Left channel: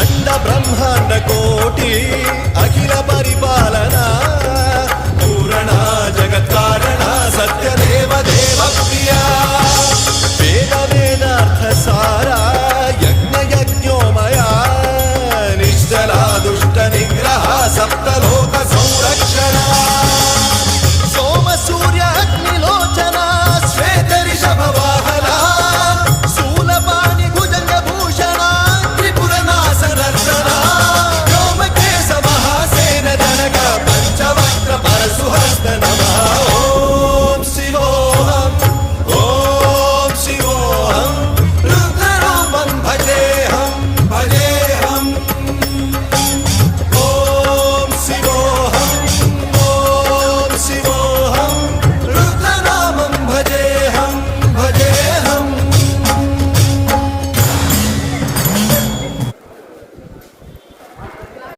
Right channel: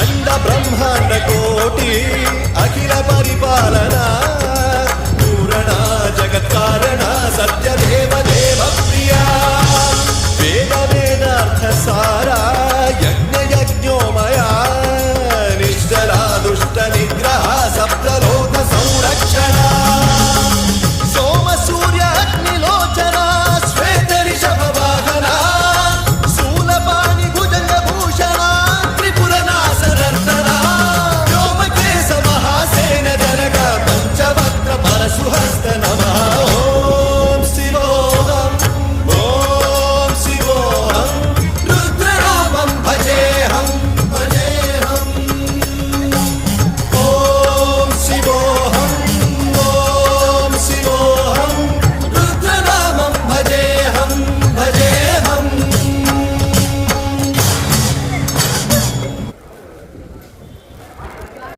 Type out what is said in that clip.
अंड ब्रह्मांड कोटि अखिल परिपालना पूरणा जगत्कारणा सत्य देव देव प्रिया वेद वेदार्थ सारा